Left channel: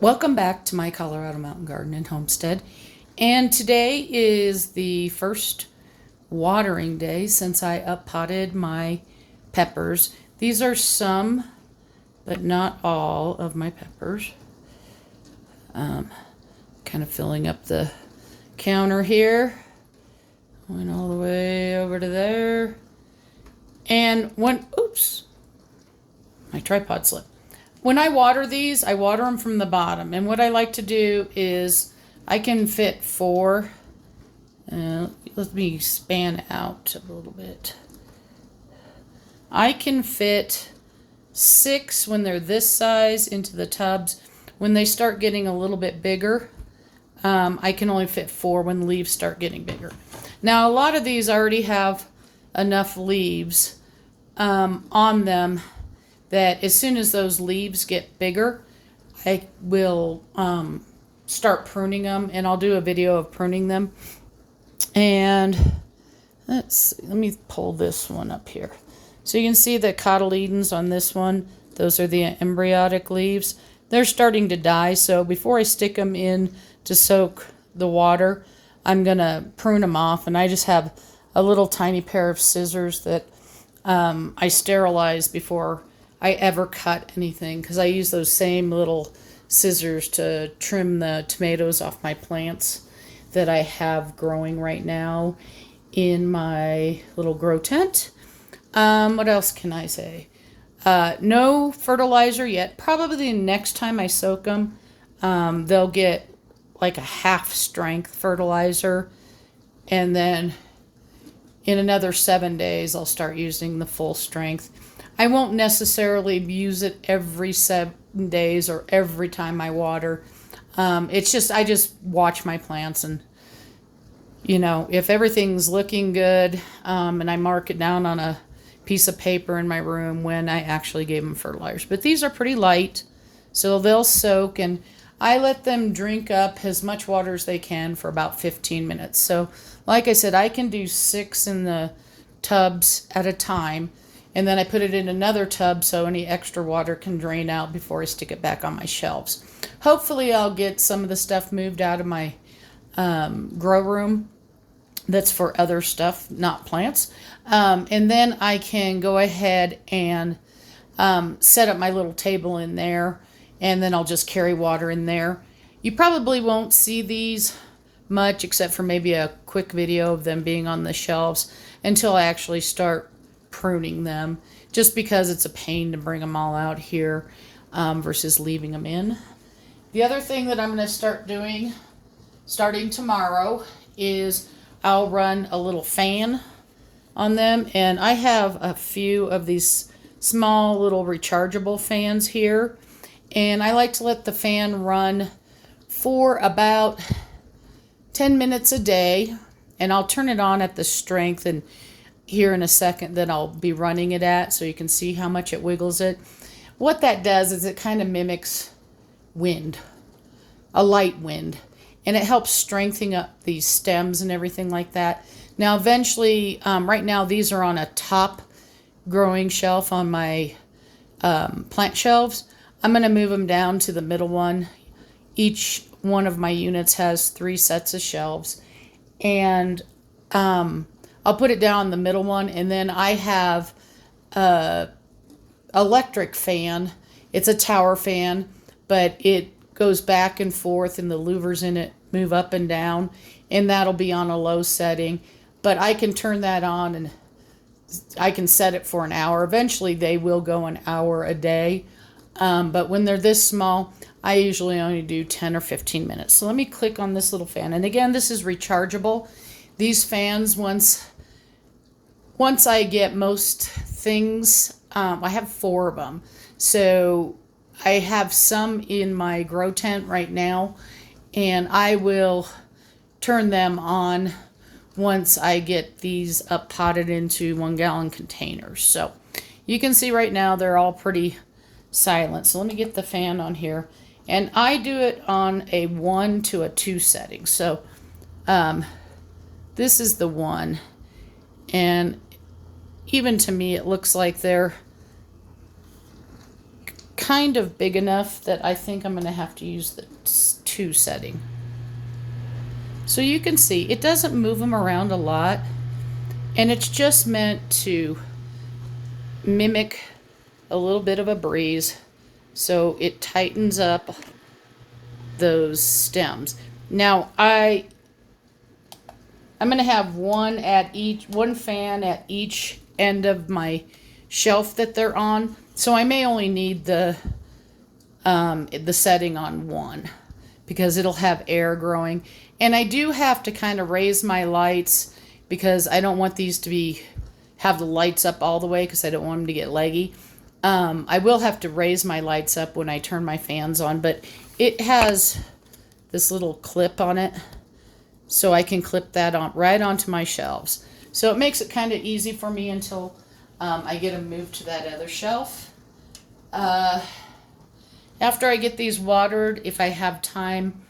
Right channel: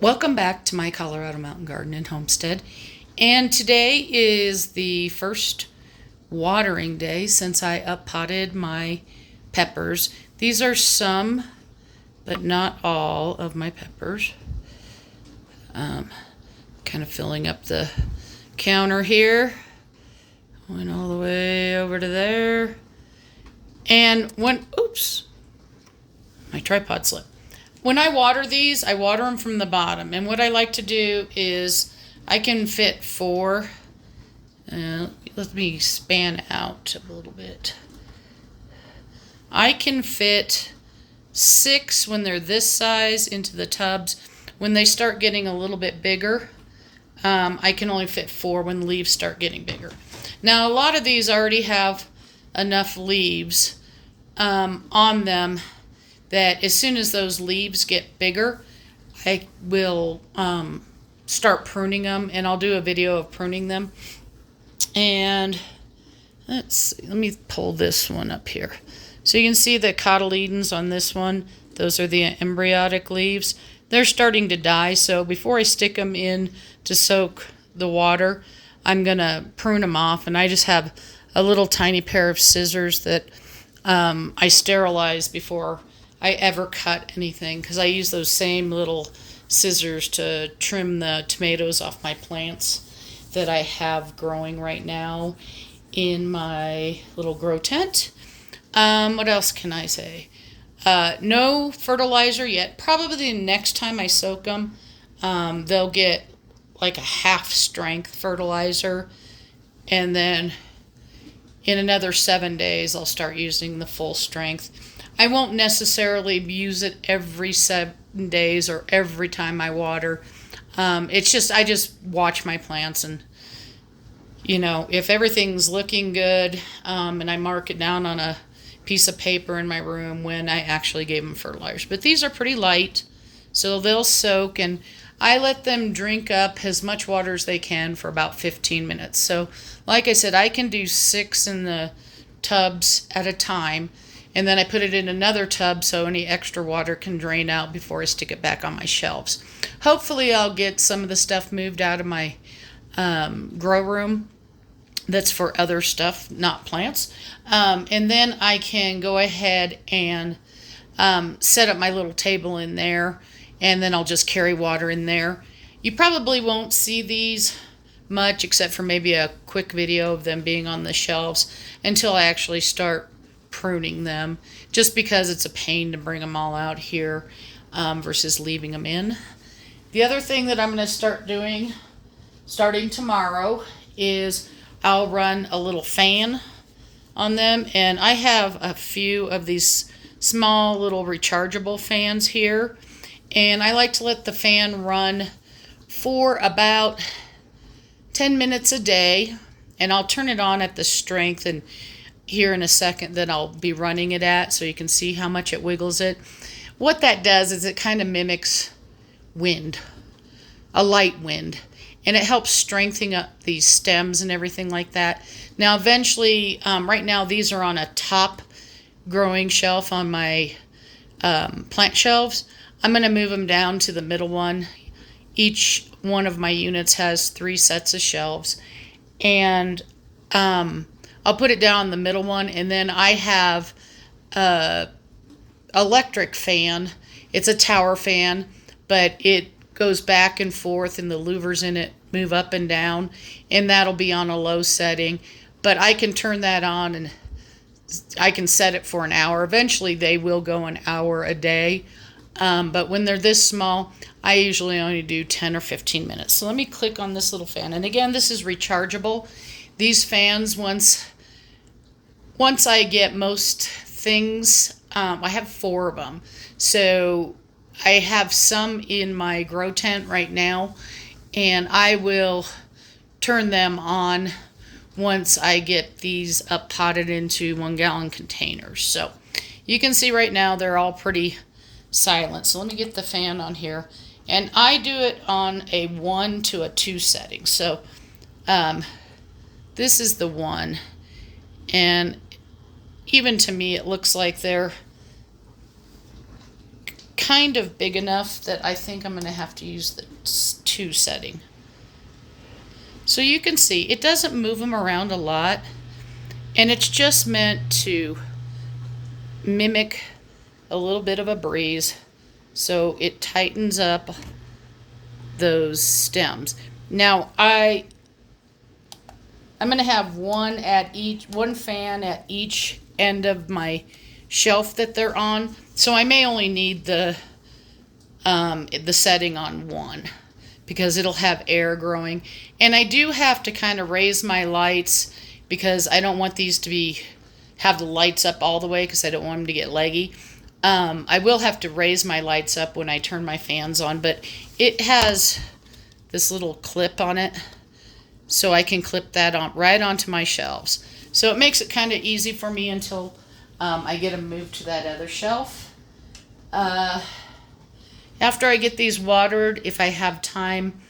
Welcome back to my Colorado Mountain Garden and Homestead. And today is the first watering day since I uppotted my peppers. These are some, but not all of my peppers. Kind of filling up the counter here. Went all the way over to there. And oops, my tripod slipped. When I water these, I water them from the bottom. And what I like to do is I can fit four. Let me span out a little bit. I can fit 6 when they're this size into the tubs. When they start getting a little bit bigger, I can only fit 4 when the leaves start getting bigger. Now, a lot of these already have enough leaves on them that as soon as those leaves get bigger, I will start pruning them, and I'll do a video of pruning them. And let me pull this one up here. So you can see the cotyledons on this one. Those are the embryonic leaves. They're starting to die, so before I stick them in to soak the water, I'm going to prune them off, and I just have a little tiny pair of scissors that I sterilize before I ever cut anything, because I use those same little scissors to trim the tomatoes off my plants that I have growing right now in my little grow tent. What else can I say? No fertilizer yet. Probably the next time I soak them, they'll get like a half strength fertilizer, and then in another 7 days I'll start using the full strength. I won't necessarily use it every 7 days or every time I water. It's just, I just watch my plants, and if everything's looking good, and I mark it down on a piece of paper in my room when I actually gave them fertilizers. But these are pretty light, so they'll soak, and I let them drink up as much water as they can for about 15 minutes. So like I said, I can do 6 in the tubs at a time, and then I put it in another tub so any extra water can drain out before I stick it back on my shelves. Hopefully I'll get some of the stuff moved out of my grow room that's for other stuff, not plants. And then I can go ahead and set up my little table in there, and then I'll just carry water in there. You probably won't see these much except for maybe a quick video of them being on the shelves until I actually start pruning them, just because it's a pain to bring them all out here versus leaving them in. The other thing that I'm going to start doing starting tomorrow is I'll run a little fan on them, and I have a few of these small little rechargeable fans here, and I like to let the fan run for about 10 minutes a day, and I'll turn it on at the strength and here in a second that I'll be running it at, so you can see how much it wiggles it. What that does is it kind of mimics wind, a light wind, and it helps strengthen up these stems and everything like that. Now eventually, right now these are on a top growing shelf on my plant shelves. I'm going to move them down to the middle one. Each one of my units has 3 sets of shelves, and I'll put it down the middle one, and then I have a electric fan. It's a tower fan, but it goes back and forth, and the louvers in it move up and down, and that'll be on a low setting. But I can turn that on, and I can set it for an hour. Eventually they will go an hour a day, but when they're this small, I usually only do 10 or 15 minutes. So let me click on this little fan, and again, this is rechargeable. These fans, once I get most things, I have 4 of them. So I have some in my grow tent right now, and I will turn them on once I get these up potted into 1-gallon containers. So you can see right now they're all pretty silent. So let me get the fan on here, and I do it on a 1 to a 2 setting. So this is the 1, and even to me it looks like they're kind of big enough that I think I'm going to have to use the 2 setting. So you can see it doesn't move them around a lot, and it's just meant to mimic a little bit of a breeze so it tightens up those stems. Now I'm going to have one fan at each end of my shelf that they're on, so I may only need the setting on one because it'll have air growing. And I do have to kind of raise my lights because I don't want these to have the lights up all the way because I don't want them to get leggy. I will have to raise my lights up when I turn my fans on, but it has this little clip on it, so I can clip that on right onto my shelves. So it makes it kind of easy for me until I get them moved to that other shelf. After I get these watered, if I have time,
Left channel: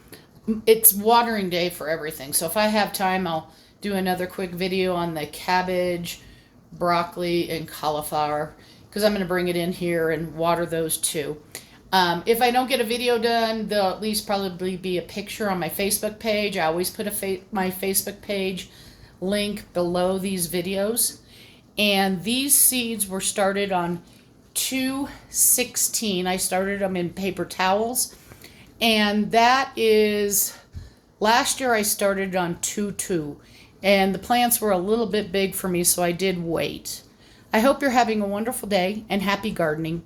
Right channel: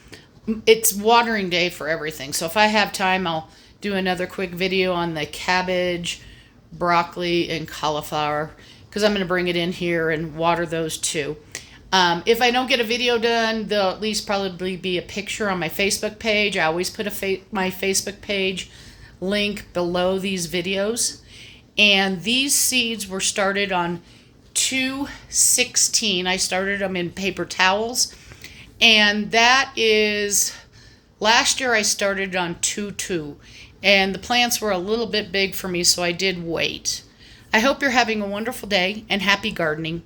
it's watering day for everything. So if I have time, I'll do another quick video on the cabbage, broccoli, and cauliflower because I'm going to bring it in here and water those too. If I don't get a video done, there'll at least probably be a picture on my Facebook page. I always put my Facebook page link below these videos. And these seeds were started on 2/16. I started them in paper towels. And that is, last year I started on 2/2. And the plants were a little bit big for me, so I did wait. I hope you're having a wonderful day and happy gardening.